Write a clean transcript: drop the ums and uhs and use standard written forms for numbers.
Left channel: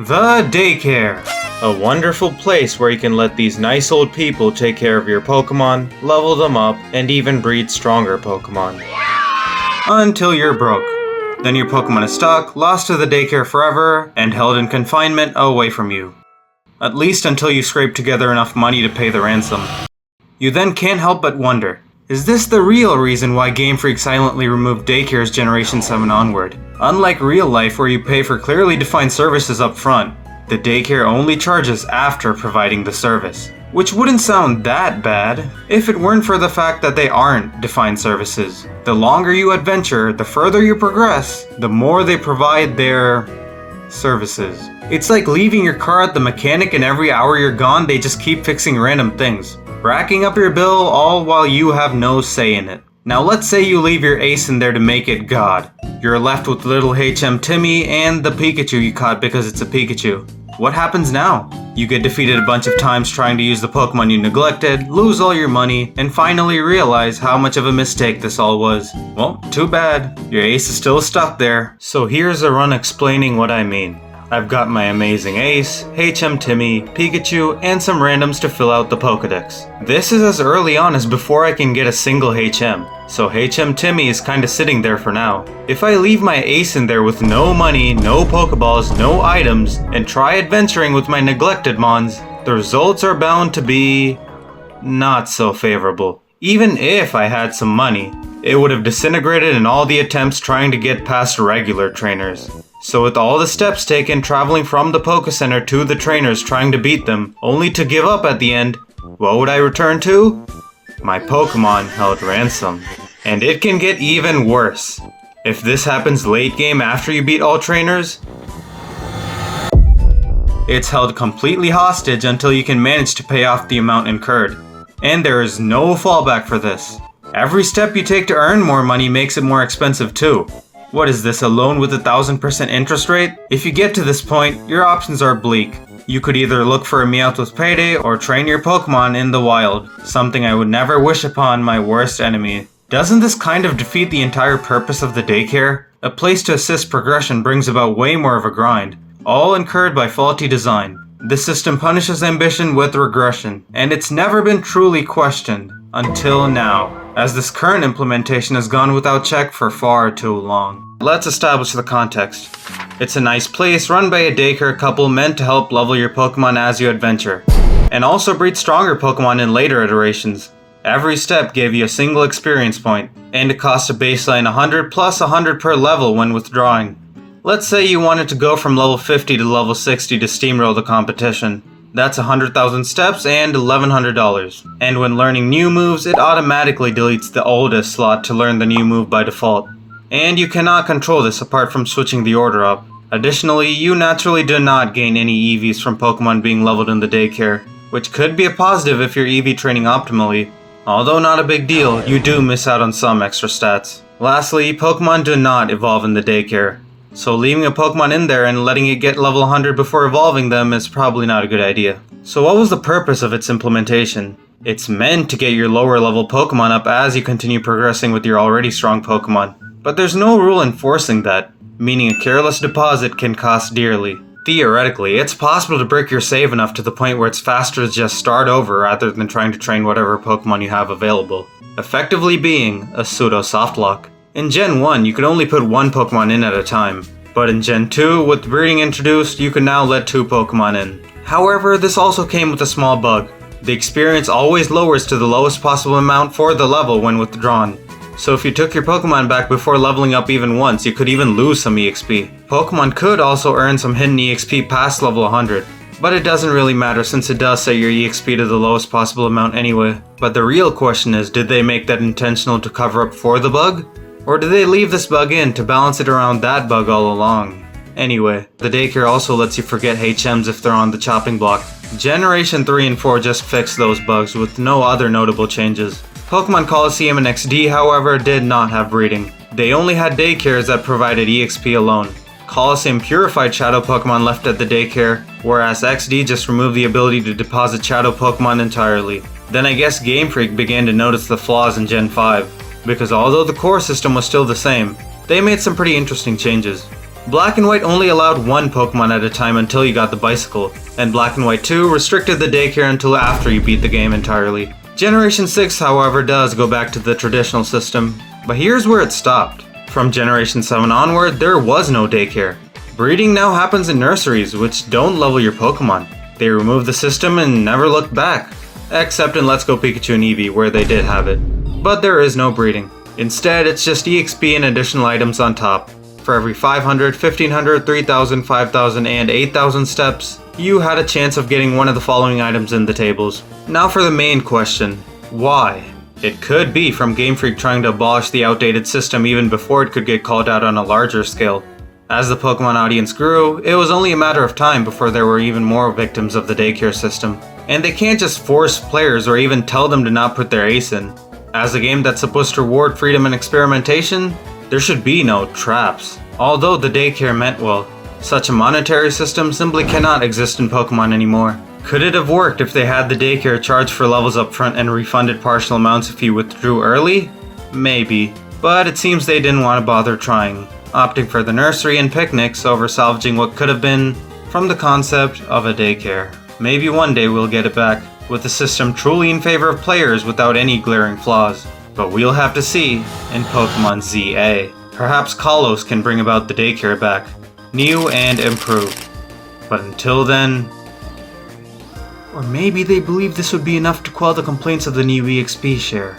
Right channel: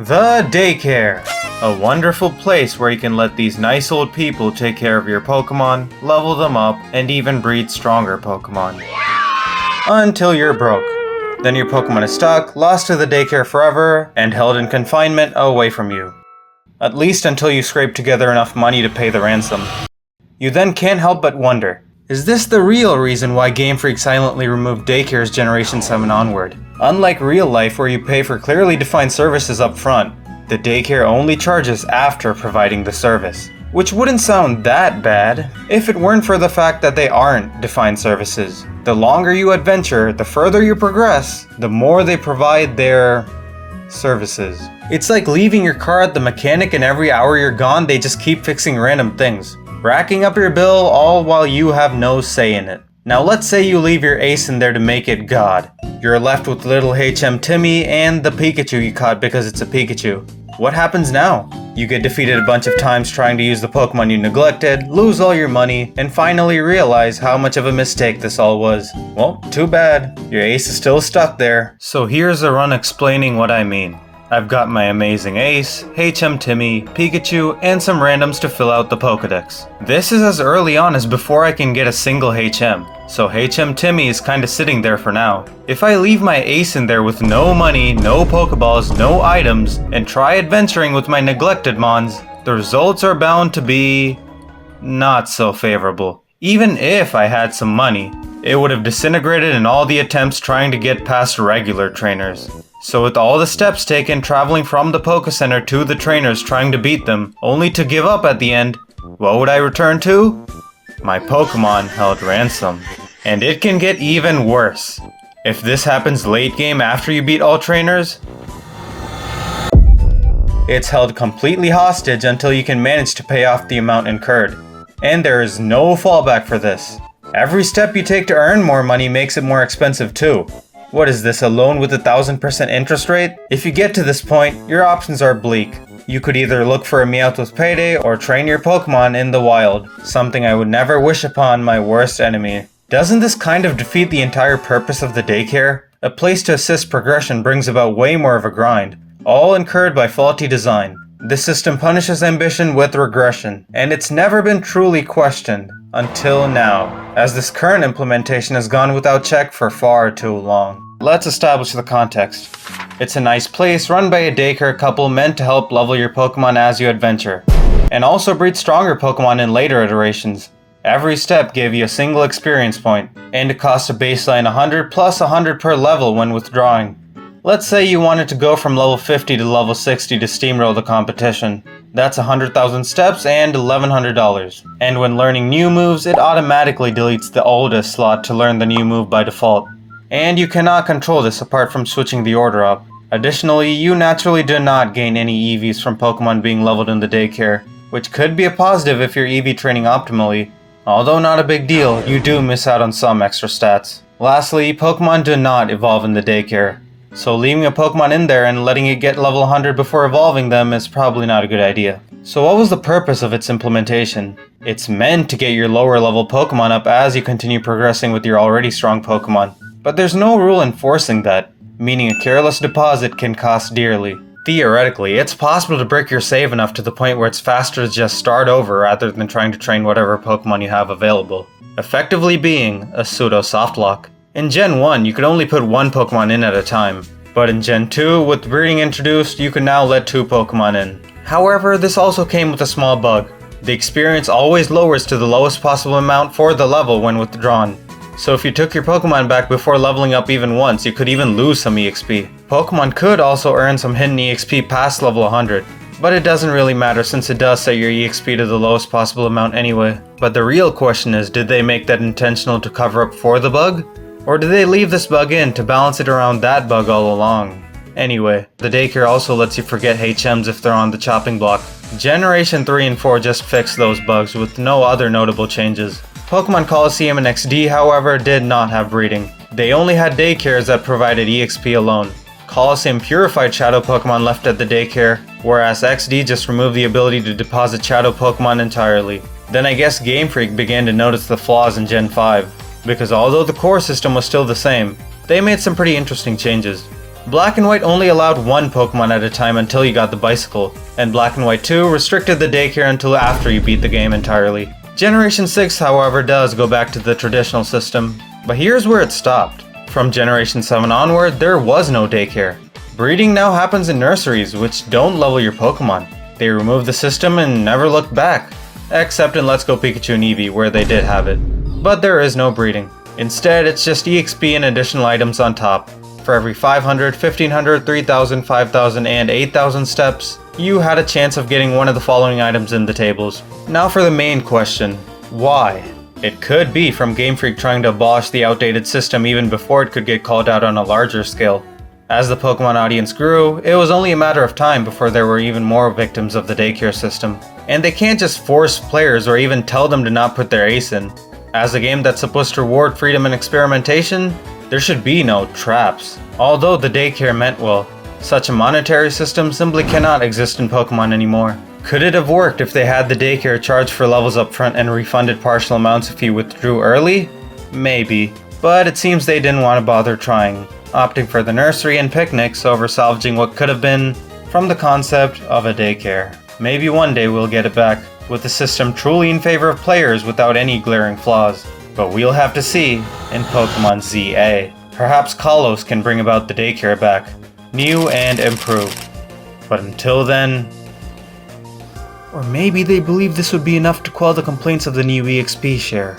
The Daycare, a wonderful place where you can let these nice old people take care of your Pokémon, level them up, and even breed stronger Pokémon. Until you're broke. Then your Pokémon is stuck, lost to the Daycare forever, and held in confinement away from you. At least until you scrape together enough money to pay the ransom. You then can't help but wonder, is this the real reason why Gamefreak silently removed Daycares Generation 7 onward? Unlike real life where you pay for clearly defined services up front, the Daycare only charges after providing the service. Which wouldn't sound that bad, if it weren't for the fact that they aren't defined services. The longer you adventure, the further you progress, the more they provide their services. It's like leaving your car at the mechanic and every hour you're gone they just keep fixing random things, racking up your bill all while you have no say in it. Now let's say you leave your ace in there to make it God. You're left with little HM Timmy and the Pikachu you caught because it's a Pikachu. What happens now? You get defeated a bunch of times trying to use the Pokemon you neglected, lose all your money, and finally realize how much of a mistake this all was. Well, too bad. Your ace is still stuck there. So here's a run explaining what I mean. I've got my amazing ace, HM Timmy, Pikachu, and some randoms to fill out the Pokedex. This is as early on as before I can get a single HM, so HM Timmy is kinda sitting there for now. If I leave my ace in there with no money, no Pokeballs, no items, and try adventuring with my neglected mons, the results are bound to be not so favorable. Even if I had some money, it would have disintegrated in all the attempts trying to get past regular trainers. So with all the steps taken traveling from the Poké Center to the trainers trying to beat them, only to give up at the end, what would I return to? My Pokémon held ransom. And it can get even worse. If this happens late game after you beat all trainers, it's held completely hostage until you can manage to pay off the amount incurred. And there is no fallback for this. Every step you take to earn more money makes it more expensive too. What is this, a loan with 1,000% interest rate? If you get to this point, your options are bleak. You could either look for a Meowth with Payday or train your Pokemon in the wild, something I would never wish upon my worst enemy. Doesn't this kind of defeat the entire purpose of the Daycare? A place to assist progression brings about way more of a grind, all incurred by faulty design. This system punishes ambition with regression, and it's never been truly questioned, until now, as this current implementation has gone without check for far too long. Let's establish the context. It's a nice place run by a daycare couple meant to help level your Pokemon as you adventure, and also breed stronger Pokemon in later iterations. Every step gave you a single experience point, and it cost a baseline 100 plus 100 per level when withdrawing. Let's say you wanted to go from level 50 to level 60 to steamroll the competition. That's 100,000 steps and $1,100. And when learning new moves, it automatically deletes the oldest slot to learn the new move by default. And you cannot control this apart from switching the order up. Additionally, you naturally do not gain any EVs from Pokemon being leveled in the Daycare, which could be a positive if you're EV training optimally. Although not a big deal, you do miss out on some extra stats. Lastly, Pokemon do not evolve in the Daycare. So leaving a Pokemon in there and letting it get level 100 before evolving them is probably not a good idea. So what was the purpose of its implementation? It's meant to get your lower level Pokemon up as you continue progressing with your already strong Pokemon. But there's no rule enforcing that, meaning a careless deposit can cost dearly. Theoretically, it's possible to break your save enough to the point where it's faster to just start over rather than trying to train whatever Pokemon you have available, effectively being a pseudo soft lock. In Gen 1, you could only put one Pokemon in at a time, but in Gen 2, with breeding introduced, you can now let 2 Pokemon in. However, this also came with a small bug. The experience always lowers to the lowest possible amount for the level when withdrawn. So if you took your Pokemon back before leveling up even once, you could even lose some EXP. Pokemon could also earn some hidden EXP past level 100, but it doesn't really matter since it does set your EXP to the lowest possible amount anyway. But the real question is, did they make that intentional to cover up for the bug? Or did they leave this bug in to balance it around that bug all along? Anyway, the Daycare also lets you forget HMs if they're on the chopping block. Generation 3 and 4 just fixed those bugs with no other notable changes. Pokemon Colosseum and XD, however, did not have breeding. They only had Daycares that provided EXP alone. Colosseum purified Shadow Pokemon left at the Daycare, whereas XD just removed the ability to deposit Shadow Pokemon entirely. Then I guess Gamefreak began to notice the flaws in Gen 5. Because although the core system was still the same, they made some pretty interesting changes. Black and White only allowed one Pokemon at a time until you got the bicycle, and Black and White 2 restricted the Daycare until after you beat the game entirely. Generation 6, however, does go back to the traditional system, but here's where it stopped. From Generation 7 onward, there was no Daycare. Breeding now happens in nurseries, which don't level your Pokemon. They removed the system and never looked back. Except in Let's Go Pikachu and Eevee, where they did have it. But there is no breeding. Instead, it's just EXP and additional items on top. For every 500, 1500, 3000, 5000, and 8000 steps, you had a chance of getting one of the following items in the tables. Now for the main question, why? It could be from Gamefreak trying to abolish the outdated system even before it could get called out on a larger scale. As the Pokemon audience grew, it was only a matter of time before there were even more victims of the Daycare system. And they can't just force players or even tell them to not put their ace in. As a game that's supposed to reward freedom and experimentation, there should be no traps. Although the Daycare meant well, such a monetary system simply cannot exist in Pokemon anymore. Could it have worked if they had the Daycare charge for levels up front and refunded partial amounts if you withdrew early? Maybe, but it seems they didn't want to bother trying, opting for the nursery and picnics over salvaging what could have been from the concept of a Daycare. Maybe one day we'll get it back, with the system truly in favor of players without any glaring flaws. But we'll have to see in Pokemon ZA. Perhaps Kalos can bring about the Daycare back, new and improved. But until then... Or maybe they believe this would be enough to quell the complaints of the new EXP share.